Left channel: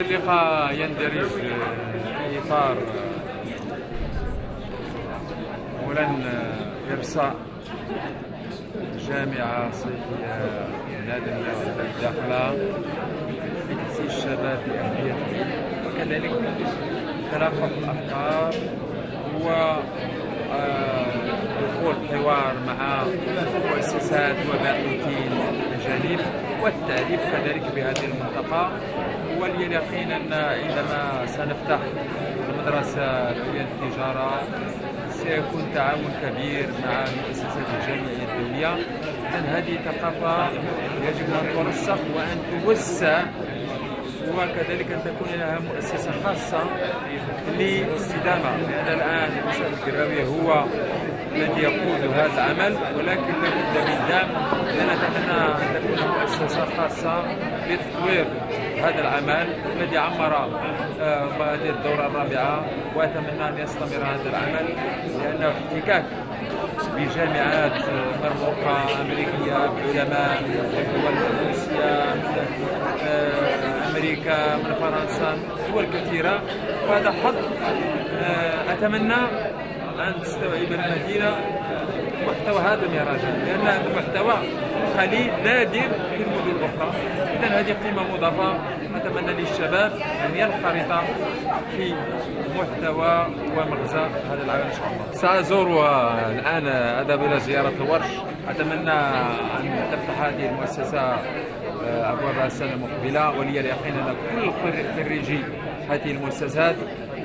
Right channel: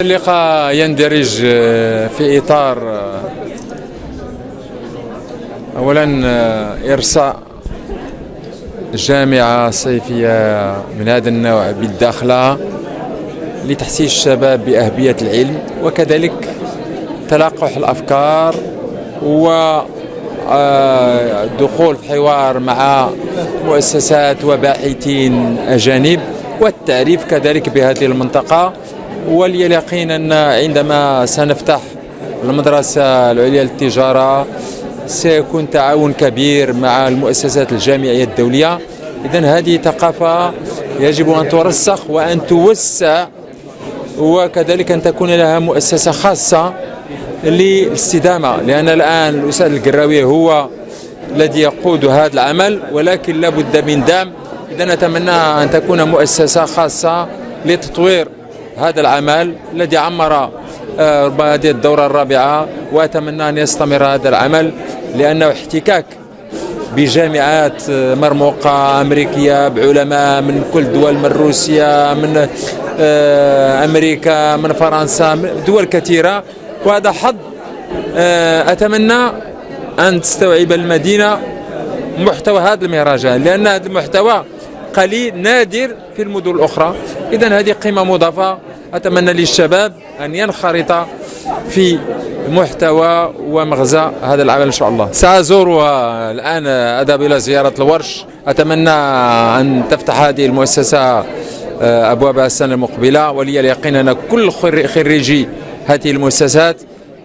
اللقاء يندرج في إطار أولا إرساء جامعة صيفية من هذا النوع بالداخلة لتحسيس الشباب بأهمية العلم، وكذلك تلقح الأفكار ودخول في حوار مع مؤسسات وباحثين أجانب، والتعريف كذلك بهذه المنطقة. ولي اليقين أن عندما سنفتح المدرسة العليا للتجارة سيكون تعاون كبير مع المؤسسات الجامعية الدولية. إذن هذه ثقافة يجب أن ترسخ وأن توسع، وكذلك أن تكون لها مؤسسة خاصة للاستدامة، لأن الآن الأستاذ القراوي هو الذي يقود هذا العمل، ولكن لا بد من دعم. إذن نتمنى أن تكون مؤسسة خاصة لتطوير هذا العمل الذي عمر هذه الدورة الرابعة، وأتمنى أن يستمر هذا العمل، لأنه احتكاك بجامعات مرموقة أمريكية بعلماء من كل دول، من روسيا، من أمريكا، من فرنسا، من دول كثيرة، وهذا حظ. أتمنى أن تستوعب المدينة محتوى هذه المهرجان، لأن هذا المحتوى قليل نادر في المدن الأخرى. إذن هذه قيمة مضافة. أتمنى للشباب أن ينخرط في محتوى ومغزى هذا العمل إن شاء الله. سأزور الآن أذهب إلى زيارة الورش. أتمنى أن تفتح هذه المؤسسة أبوابها السنة المقبلة، ولي اليقين أن كل خريجي هذه المؤسسات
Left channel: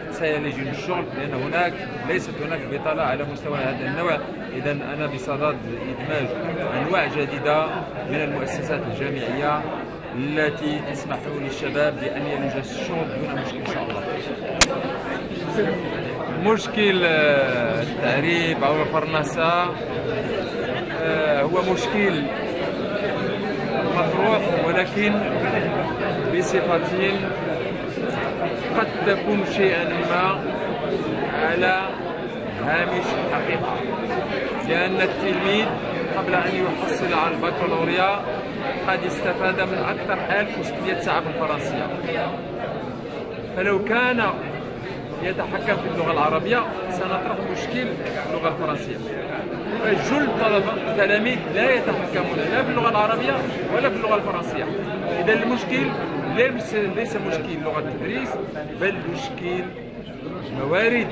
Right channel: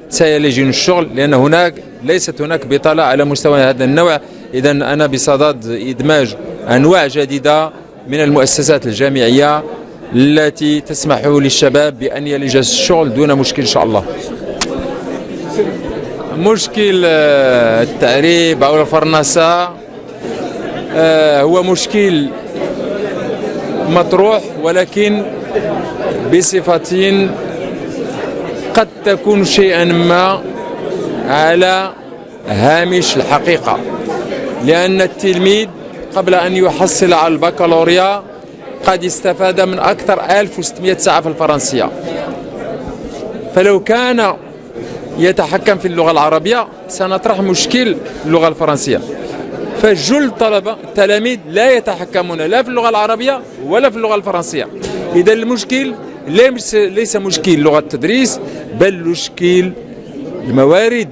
سيلجون الشغل، لأن ليست هناك بطالة على مستوى هذا النوع. إذن أنا بصدد إدماج أنواع جديدة من المؤسسات الجامعية التي تسمح للشباب بأن يلج الشغل دون مشكل إن شاء الله. مشكل التعريب أو الفرنسة هو مشكل مطروح، ولكن بصفة قد تكون شيئا ما على هامش الحقيقة، لأن التلميذ قبل أن يحصل على البكالوريا قد استفاد من أكثر 1600 ساعة في الفرنسية. فلو كان يتحكم في اللغة العربية سنطرح مشكل اللغة الفرنسية. فجل تلاميذ لا يتحكمون لا في اللغة العربية ولا في اللغة الفرنسية. إذا المشكل ليس مشكل لغة التدريس، بل مشكل الموارد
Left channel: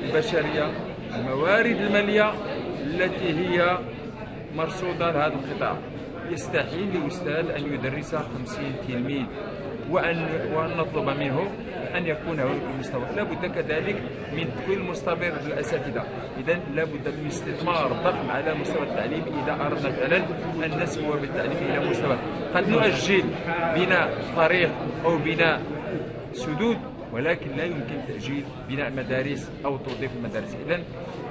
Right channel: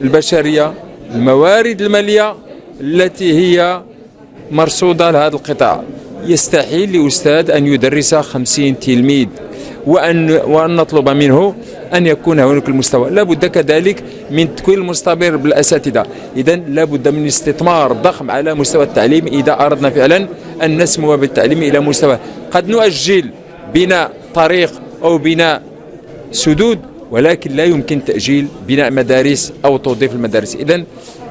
البشرية، الموارد المالية التي هي مرصودة لهذا القطاع. يستحيل لأستاذ أن يدرس 50 تلميذ وأن نطلب منه أن يكون هناك المستوى. لا بد كذلك من تكوين المستمر بالأساتذة. إذن لا بد من استثمار ضخم على مستوى التعليم إذا أردنا فعلا أن نسمو بالتعليم إلى مستوى. قد نؤجل بناء طريق أو بناء سدود، ولكن لا يمكن تأجيل بناء مدارس أو توظيف المدارس. إذن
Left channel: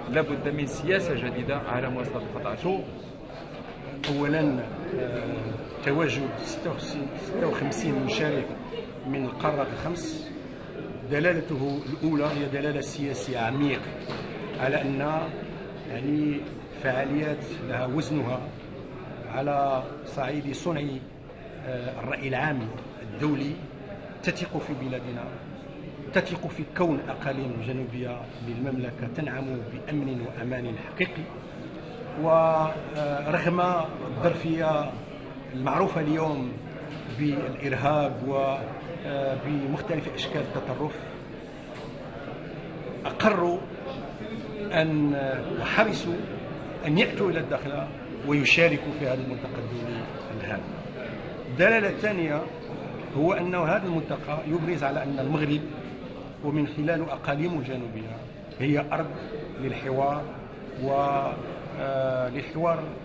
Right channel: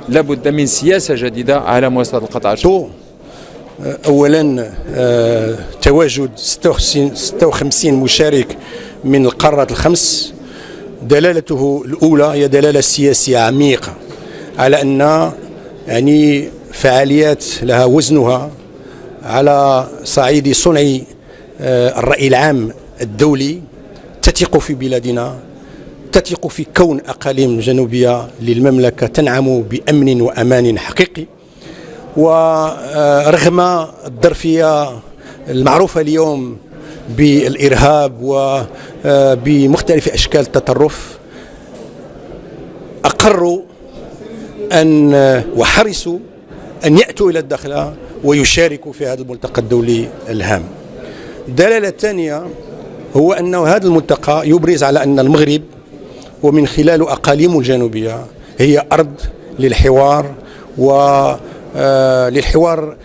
لا بد من سياسة جديدة على مستوى القطاع. أولا تواجد 56 مشارك من القارات الخمس، دلالته الأولى هي دلالة سياسية عميقة على أن فعاليات لها وزنها على صعيد صنع الرأي العام الدولي، تثق في بلادنا، تثق في كون أقاليم جنوبية للمملكة تنعم بأمن وأمان حقيقي. ورغم الظرفية المعروفة اليوم بالإرهاب وبمختلف أشكال التطرف، أقروا وحرصوا أن يأتوا إلى الداخل ويشاركوا في هذا الملتقى الدولي الهام. الدلالة الثانية هو أن هذا الملتقى يبرز على أن المغرب ومن خلال أقاليمه الجنوبية هي أرض للحوار للحوار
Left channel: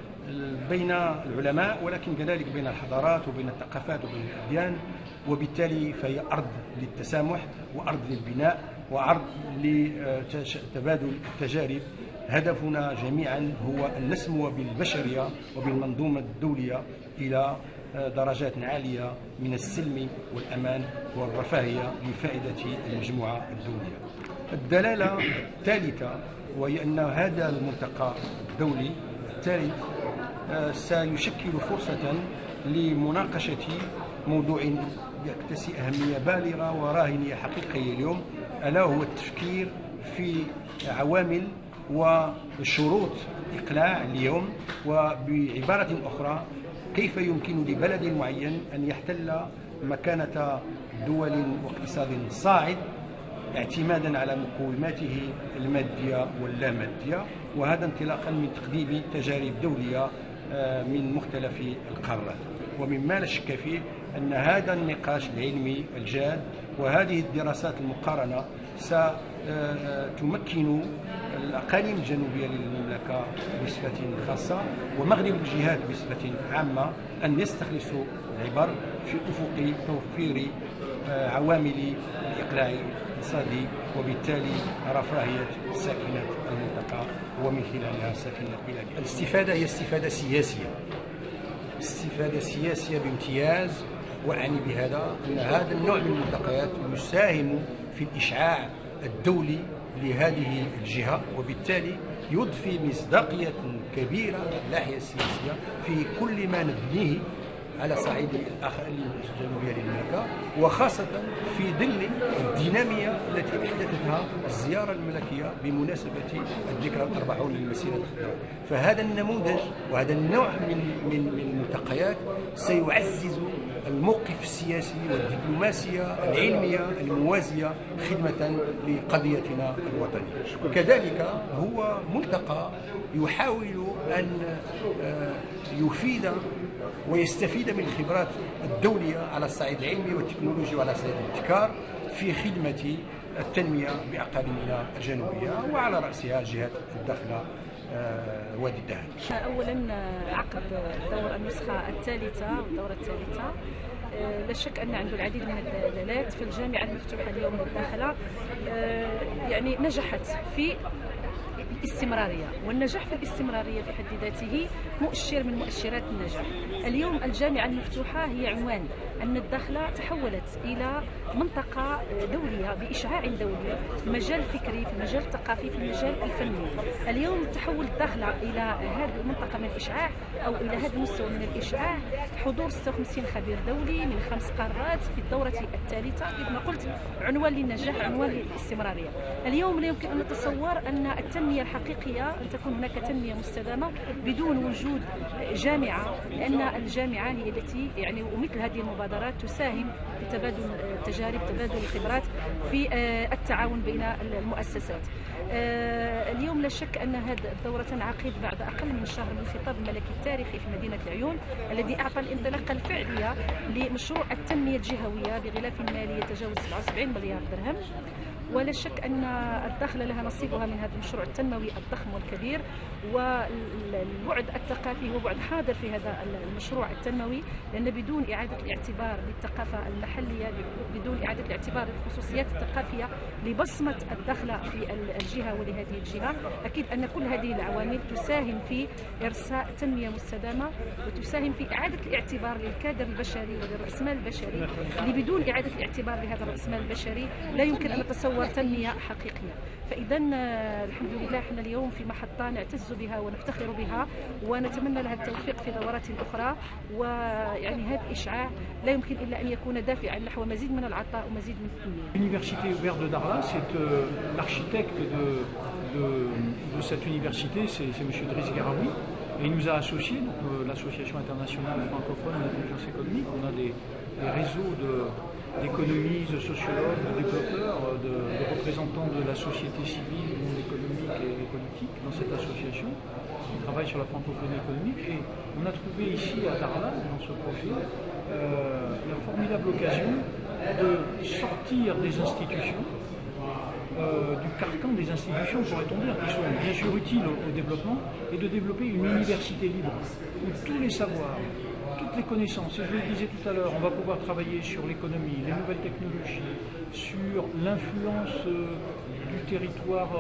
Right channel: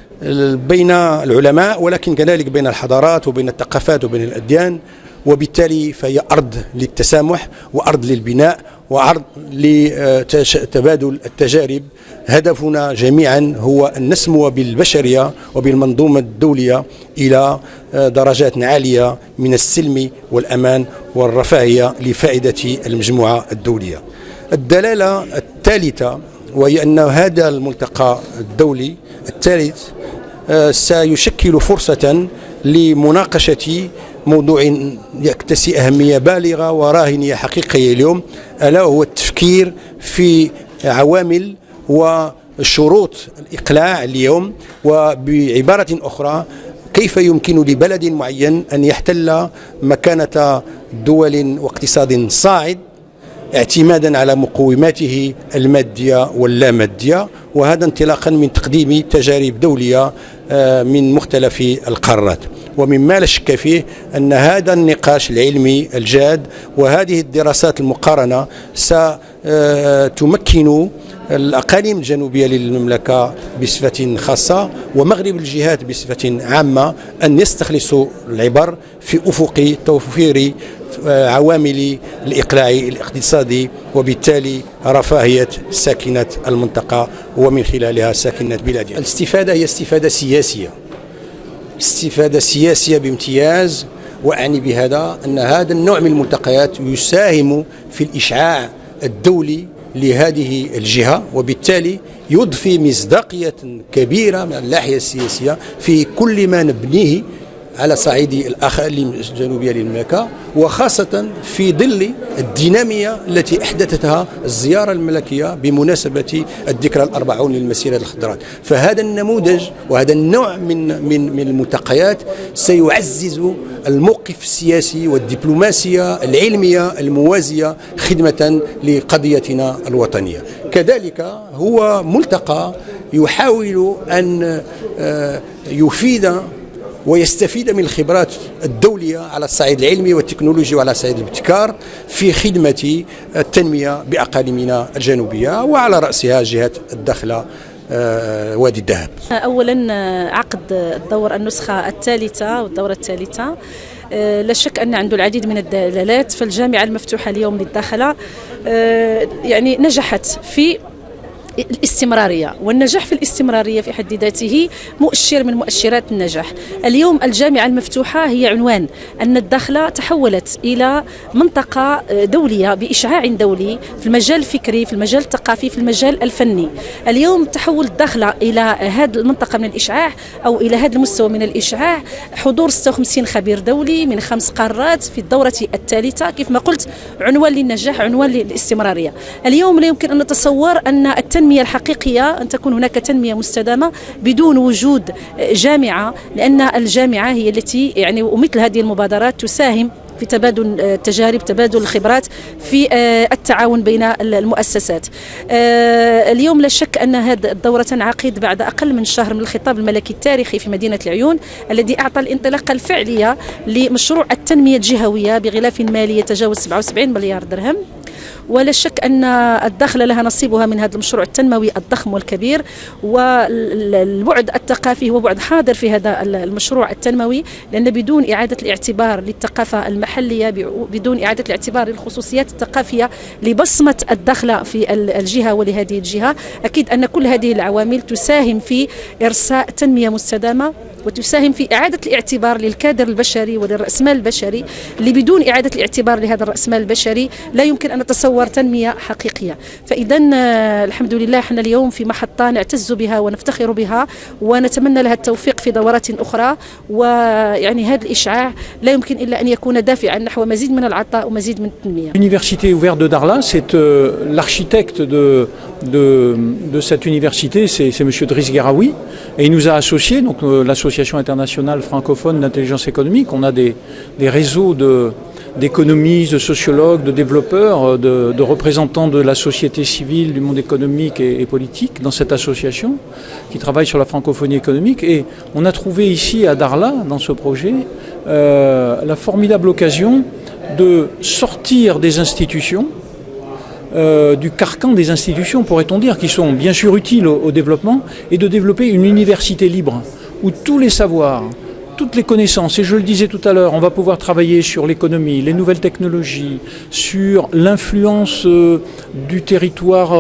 بين العلماء، ولكن كذلك بين الحضارات وبين الثقافات وبين الأديان، وبالتالي فهي أرض للتسامح وأرض للبناء وأرض لتبادل التجارب. هدفنا جميعا هو أن نسمو بالبشرية وبالمنظومة الدولية إلى درجات عالية من السلم والأمان والرفاهية لفائدة المجموعة الدولية. الدلالة الثالثة وهي أن هذا الملتقى الدولي الثالث سيشكل فرصة لمناقشة موضوع يكتسي أهمية بالغة وراهنية حقيقية اليوم، ألا هو التفكير في عوامل وشروط الإقلاع اليوم، وبعبارة أخرى كيف يمكن لبلد معين أن يحتل مكانة دول واقتصاد صاعد اعتمادا على مقوماته المادية واللامادية، وهذا انطلاقا من تقديم تجارب دولية من مختلف القارات. ومما لا شك فيه أن هذا النقاش العلمي الجاد وهذه الدراسات المقارنة ستمكن الأقاليم الجنوبية للمملكة بصفة خاصة ومغرب الجهات بصفة عامة أن يستخلصوا العبر في أفق توفير عوامل الإقلاع الاقتصادي، وبالتالي رفاهية ساكنة المنطقة ومن خلالها ساكنة بلادها. الاستفادة هي استفادة سياسية، استفادة سياسية بامتياز، وأعني بهذا أن هذا النوع من الملتقيات يساهم في الإشعاع الدولي لهذه الجهة، وبالتالي يضفي مصداقية كبيرة من الناحية السياسية في كل ما نبنيه على صعيد الأقاليم الجنوبية للمملكة، وخاصة في ظل الدينامية التي أحدثتها الزيارة الملكية بمناسبة الذكرى ال40 للمسيرة الخضراء. فهذا النموذج وهذا النوع من الملتقيات سيعزز الموقف السياسي والدبلوماسية العلمية الموازية خدمة لقضيتنا الوطنية. كذلك هو ملتقى يحاول أن يفيد ويستفيد من الخبرات الدولية على الصعيد العلمي والتكنولوجي وعلى صعيد الابتكار في خدمة التنمية بأقاليمنا الجنوبية، وعلى رأسها جهة الداخلة وادي الذهب. أولا عقد الدور النسخة الثالثة والدورة الثالثة لا شك أن عنده العديد من الدلالات. فالجامعة المفتوحة اليوم للداخلة يعني نجحت في الاستمرارية، والنجاح في الاستمرارية في حد ذاته مؤشر من مؤشرات النجاح. اليوم الجامعة المفتوحة هي عنوان أن الداخلة تحولت إلى منطقة دولية بإشعاع دولي في المجال الفكري، في المجال الثقافي، في المجال الفني. اليوم تحول الداخلة إلى هذه المنطقة من الإشعاع أو إلى هذا المستوى من الإشعاع، حضور 56 خبير دولي من 5 قارات في الدورة الثالثة. كيف ما قلت عنوان للنجاح، عنوان للاستمرارية. اليوم لا يمكن أن نتصور أن التنمية الحقيقية أن تكون هناك تنمية مستدامة بدون وجود جامعة، لأن الجامعة هي التي يعني ومثل هذه المبادرات تساهم في تبادل التجارب، تبادل الخبرات، في التعاون بين المؤسسات. اليوم لا شك أن هذه الدورة تنعقد بعد أقل من شهر من الخطاب الملكي التاريخي في مدينة العيون، الذي أعطى الانطلاقة الفعلية لمشروع التنمية الجهوية بغلاف مالي يتجاوز 77 مليار درهم. ولا شك أن الداخلة لها نصيبها من هذا المشروع التنموي الضخم والكبير، والبعد الثقافي هو بعد حاضر في هذا المشروع التنموي، لأن بدون إعادة الاعتبار للثقافة المحلية، بدون إعادة الاعتبار للخصوصيات الثقافية لبصمة الداخلة في الجهة ولهذه الجهة، أكيد أن كل هذه العوامل تساهم في إرساء تنمية مستدامة، وتساهم في إعادة الاعتبار للكادر البشري وللرأسمال البشري، اللي بدون إعادة الاعتبار لهذا الرأسمال البشري لا يمكن أن نتصور تنمية حقيقية. فإذا الحمد لله احنا اليوم في محطة نعتز بها ونفتخر بها، ونتمنى لها التوفيق في دورات أخرى. ويعني هذا الإشعاع لا يمكن إلا أن يكون دافعا نحو مزيد من العطاء ومزيد من التنمية. L'université ouverte de Darla, c'est l'architecte de cette université, c'est M. Driss Gueraoui, et il nous a associés, donc l'association internationale francophone d'intelligence économique. On a des réseaux d'économistes, de sociologues, de développeurs, de représentants de la société civile, du monde économique et politique dans cette association qui travaille sur la francophonie économique. Et on a trouvé ici à Darla, dans ce projet, la formidable occasion de sortir des institutions, du carcan des institutions, pourrait-on dire, qui sont bien sûr utiles au développement, et de développer une université libre où tous les savoirs, toutes les connaissances, et je le disais tout à l'heure, on va pouvoir travailler sur l'économie, les nouvelles technologies, sur l'influence du territoire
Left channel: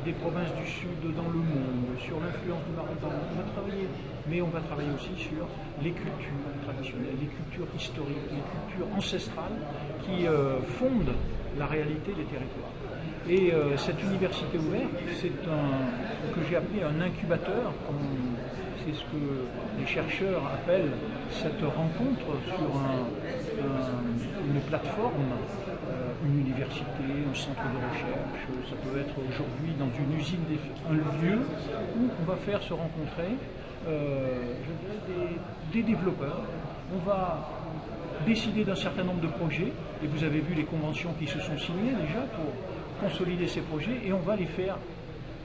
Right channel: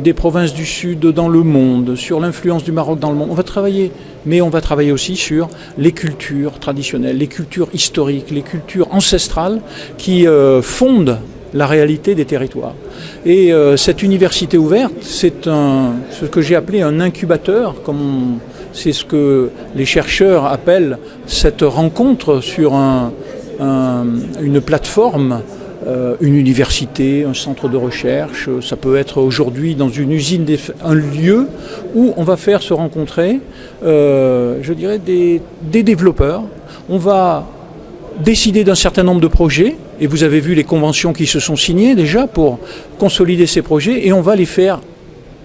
des provinces du Sud dans le monde, sur l'influence du Maroc dans le monde. On va travailler, mais on va travailler aussi sur les cultures traditionnelles, les cultures historiques, les cultures ancestrales qui fondent la réalité des territoires. Et cette université ouverte, c'est ce que j'ai appelé un incubateur, c'est ce que les chercheurs appellent cette rencontre sur une plateforme, une université, un centre de recherche. Ça peut être aujourd'hui dans une usine, un lieu où on va faire se rencontrer, je dirais, des développeurs. On va décider d'un certain nombre de projets, et vous avez vu les conventions qui se sont signées déjà pour consolider ces projets, et on va les faire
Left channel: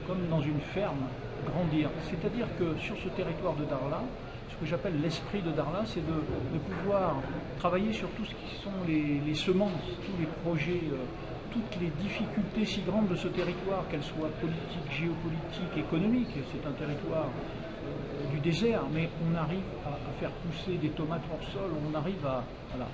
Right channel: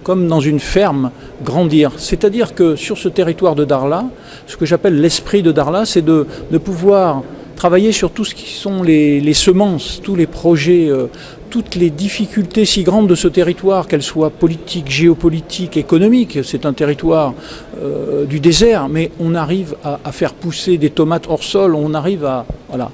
comme dans une ferme, grandir. C'est-à-dire que sur ce territoire de Darla, ce que j'appelle l'esprit de Darla, c'est de pouvoir travailler sur tout ce qui sont les semences, tous les projets, toutes les difficultés si grandes de ce territoire, qu'elles soient politiques, géopolitiques, économiques. C'est un territoire du désert, mais on arrive à faire pousser des tomates hors sol, on arrive à... Voilà.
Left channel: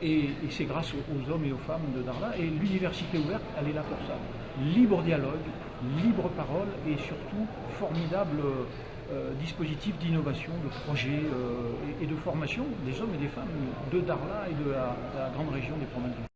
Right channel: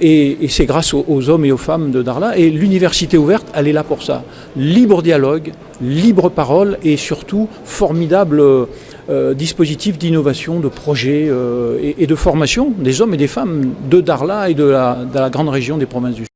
Et c'est grâce aux hommes et aux femmes de Darla. Et l'université ouverte, elle est là pour ça. Libre dialogue, libre parole et surtout formidable dispositif d'innovation, de projet et de formation des hommes et des femmes de Darla et de la grande région des provinces du Sud.